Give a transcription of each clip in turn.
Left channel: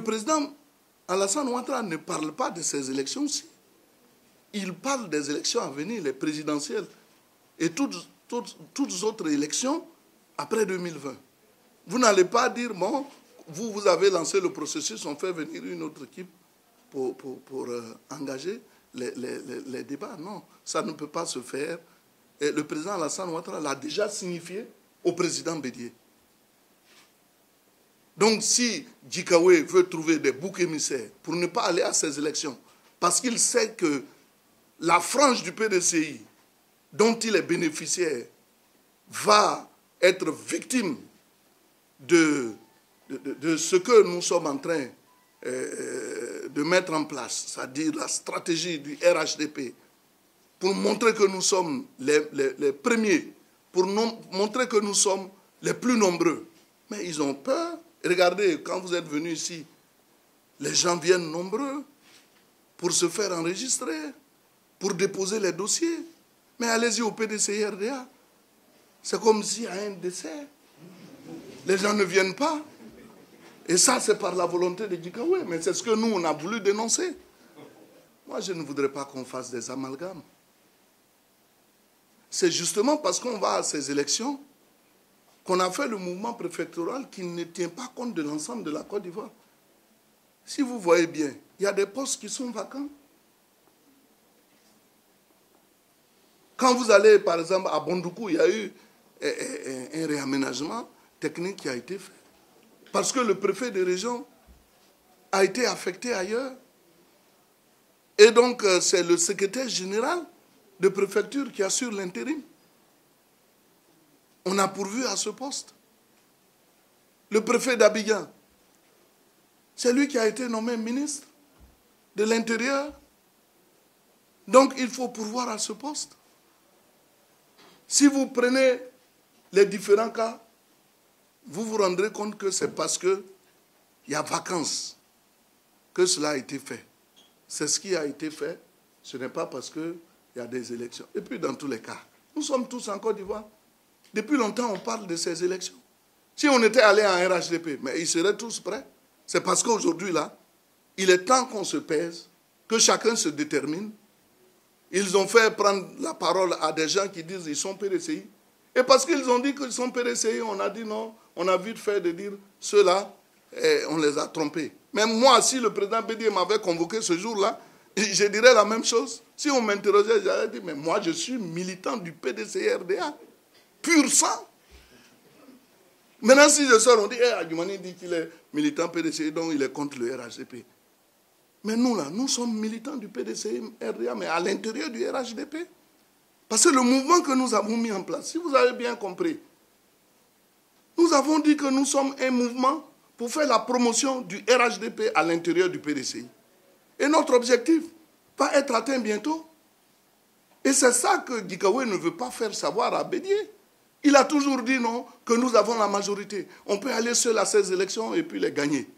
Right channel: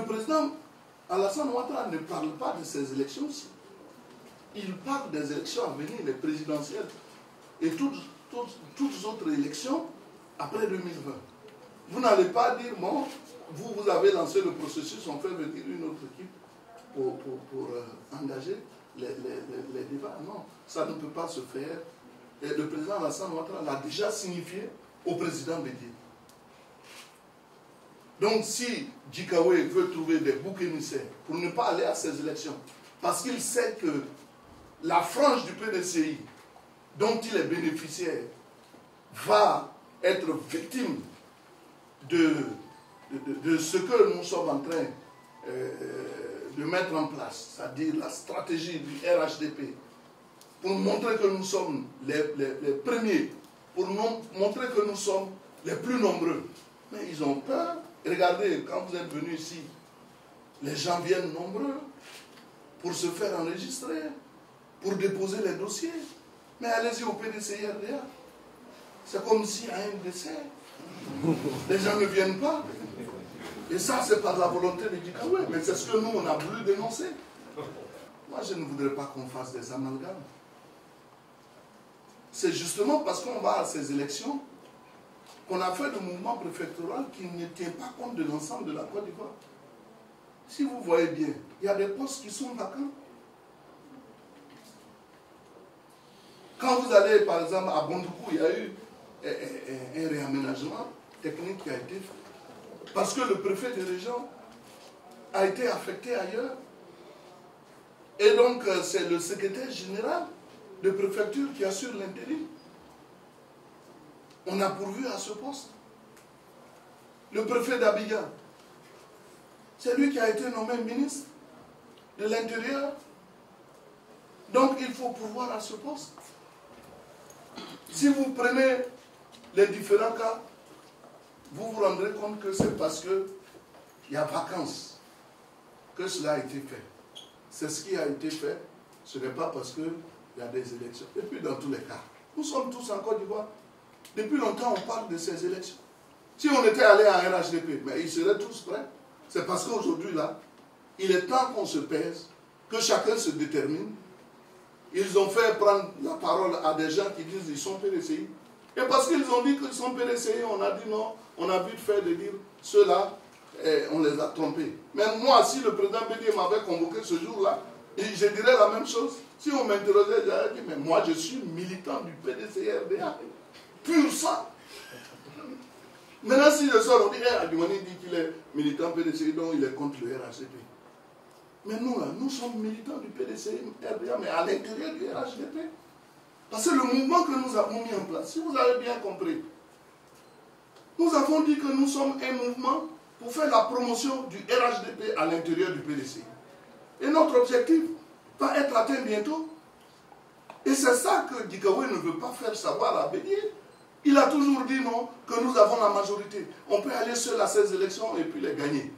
le président Alassane Ouattara ne parle pas de ces élections-ci. Il parle des élections à venir, les présidentielles, et toutes autres élections après 2020. Vous n'allez pas dire, bon, vous avez lancé le processus, on fait venir une autre équipe pour engager les débats. Non, ça ne peut pas se faire. Et le président Alassane Ouattara l'a déjà signifié au président Bédié. Donc si Djikaoué veut trouver des boucs émissaires pour ne pas aller à ces élections, parce qu'il sait que la frange du PDCI dont il est bénéficiaire va être victime de ce que nous sommes en train de mettre en place, c'est-à-dire la stratégie du RHDP, pour montrer que nous sommes les premiers, pour montrer que nous sommes les plus nombreux. Mais ils ont peur. Regardez, quand vous êtes venus ici, les gens viennent nombreux pour se faire enregistrer, pour déposer les dossiers. Mais allez-y au PDCI-RDA. C'est comme s'il y a un décès. Les gens ne viennent pas. Et ça, c'est par la volonté de Djikaoué. Mais c'est ce que nous, on a voulu dénoncer. Moi, je ne voudrais pas qu'on fasse des amalgames. C'est justement parce qu'on va à ces élections qu'on a fait le mouvement préfectoral qui ne tient pas compte de l'ensemble de la Côte d'Ivoire. Si vous voyez bien, il y a des postes qui sont vacants. Quand vous allez, par exemple, à Bondoukou, il y a eu un réaménagement technique qui a été fait. Parce que le préfet de région a été affecté ailleurs. Et donc, c'est le secrétaire général de préfecture qui assure l'intérim. On a pourvu à ce poste. Le préfet d'Abidjan, c'est lui qui a été nommé ministre de l'Intérieur. Donc, il faut pourvoir à ce poste. Si vous prenez les différents cas, vous vous rendrez compte que c'est parce qu'il y a vacances que cela a été fait. C'est ce qui a été fait. Ce n'est pas parce qu'il y a des élections. Et puis, dans tous les cas, nous sommes tous en Côte d'Ivoire. Depuis longtemps, on parle de ces élections. Si on était allé à un RHDP, mais ils seraient tous prêts. C'est parce qu'aujourd'hui, là, il est temps qu'on se pèse, que chacun se détermine. Ils ont fait prendre la parole à des gens qui disent qu'ils sont PDCI. Et parce qu'ils ont dit qu'ils sont PDCI, on a dit non, on a vite fait de dire ceux-là, on les a trompés. Même moi, si le président Bédié m'avait convoqué ce jour-là, je dirais la même chose. Si on m'interrogeait, j'aurais dit, mais moi je suis militant du PDCI-RDA. Pur sang. Maintenant, si je sors, on dit, Adjumani dit qu'il est militant PDCI, donc il est contre le RHDP. Mais nous, là, nous sommes militants du PDCI-RDA, mais à l'intérieur du RHDP. Parce que le mouvement que nous avons mis en place, si vous avez bien compris, nous avons dit que nous sommes un mouvement pour faire la promotion du RHDP à l'intérieur du PDCI. Et notre objectif va être atteint bientôt. Et c'est ça que Djikaoué ne veut pas faire savoir à Bédié. Il a toujours dit non, que nous avons la majorité. On peut aller seul à ces élections et puis les gagner.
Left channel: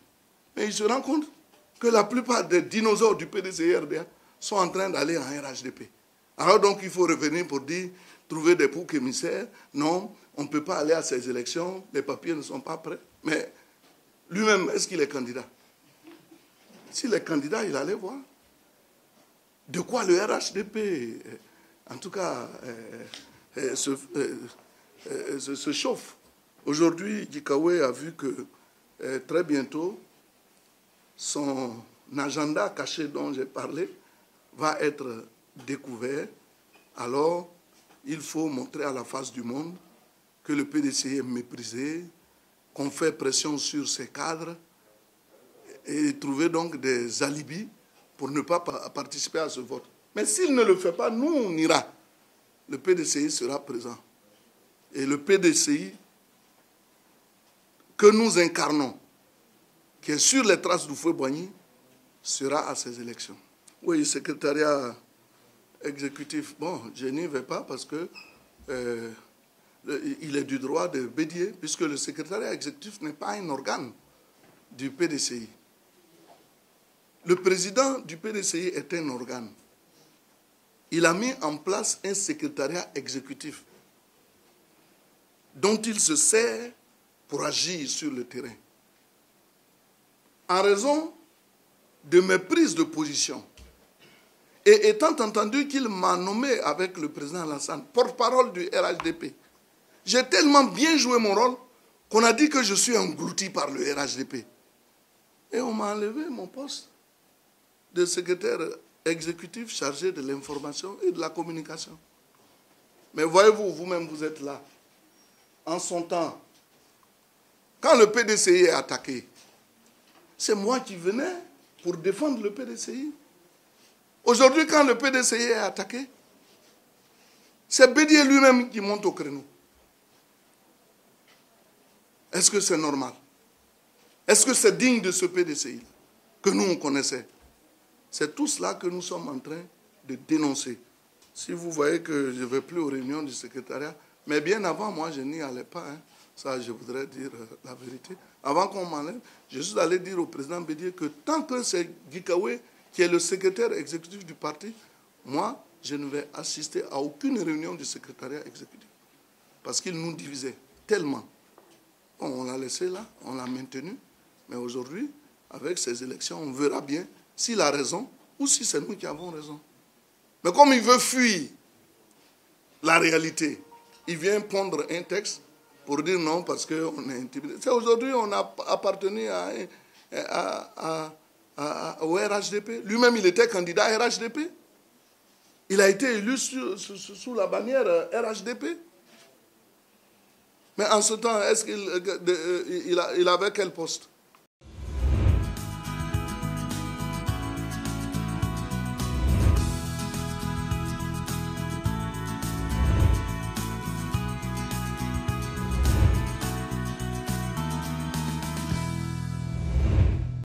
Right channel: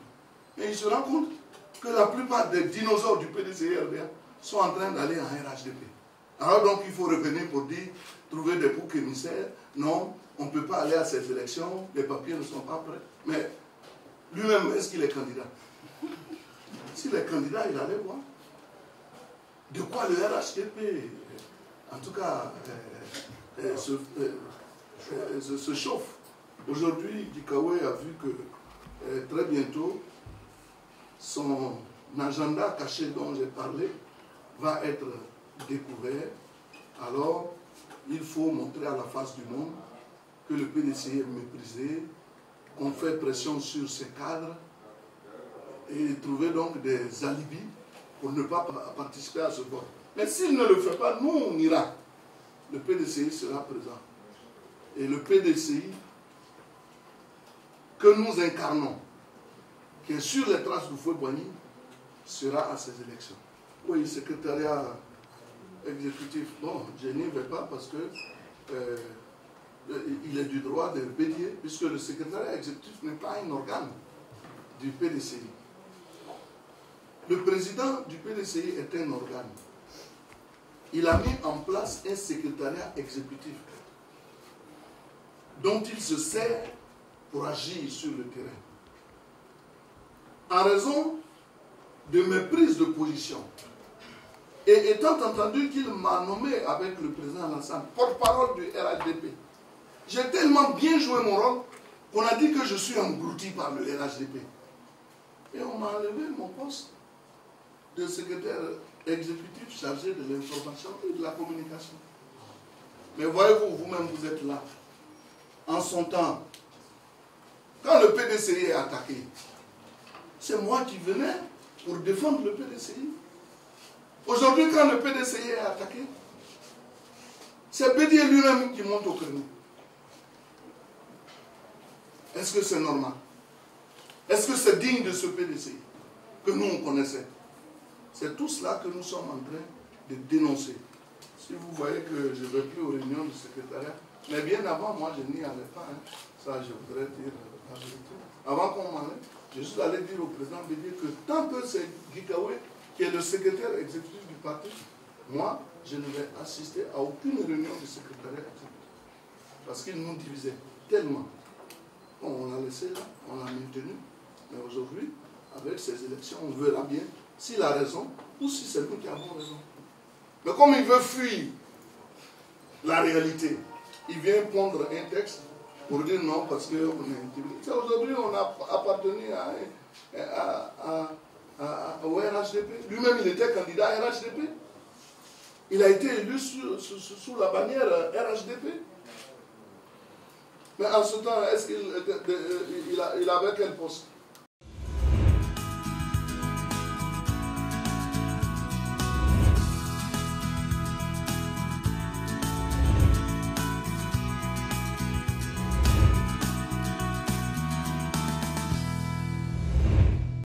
Mais il se rend compte que la plupart des dinosaures du PDCI-RDA sont en train d'aller en RHDP. Alors donc il faut revenir pour dire, trouver des boucs émissaires. Non, on ne peut pas aller à ces élections, les papiers ne sont pas prêts. Mais lui-même, est-ce qu'il est candidat? S'il est candidat, il allait voir. De quoi le RHDP, en tout cas, se chauffe. Aujourd'hui, Djikaoué a vu que très bientôt, son agenda caché dont j'ai parlé va être découvert. Alors, il faut montrer à la face du monde que le PDCI est méprisé, qu'on fait pression sur ses cadres et trouver donc des alibis pour ne pas participer à ce vote. Mais s'il ne le fait pas, nous, on ira. Le PDCI sera présent. Et le PDCI que nous incarnons, qui est sur les traces du feu Boigny, sera à ces élections. Oui, secrétariat exécutif, bon, je n'y vais pas parce que il est du droit de Bédié, puisque le secrétariat exécutif n'est pas un organe du PDCI. Le président du PDCI est un organe. Il a mis en place un secrétariat exécutif dont il se sert pour agir sur le terrain. en raison de mes prises de position. Et étant entendu qu'il m'a nommé avec le président Alassane, porte-parole du RHDP, j'ai tellement bien joué mon rôle qu'on a dit que je suis englouti par le RHDP. Et on m'a enlevé mon poste de secrétaire exécutif chargé de l'information et de la communication. Mais voyez-vous, vous-même, vous êtes là. En son temps, quand le PDCI est attaqué, c'est moi qui venais pour défendre le PDCI. Aujourd'hui, quand le PDCI est attaqué, c'est Bédié lui-même qui monte au créneau. Est-ce que c'est normal? Est-ce que c'est digne de ce PDCI que nous, on connaissait? C'est tout cela que nous sommes en train de dénoncer. Si vous voyez que je ne vais plus aux réunions du secrétariat, mais bien avant, moi, je n'y allais pas. Hein. Ça, je voudrais dire la vérité. Avant qu'on m'en aille, je suis allé dire au président Bédié que tant que c'est Gikawe qui est le secrétaire exécutif du parti, moi, je ne vais assister à aucune réunion du secrétariat exécutif. Parce qu'il nous divisait tellement. Bon, on l'a laissé là, on l'a maintenu. Mais aujourd'hui, avec ces élections, on verra bien s'il a raison ou si c'est nous qui avons raison. Mais comme il veut fuir la réalité, il vient pondre un texte pour dire non parce qu'on est intimidé. C'est aujourd'hui on a appartenu au RHDP. Lui-même, il était candidat à RHDP. Il a été élu sous la bannière RHDP. Mais en ce temps, est-ce qu'il avait quel poste?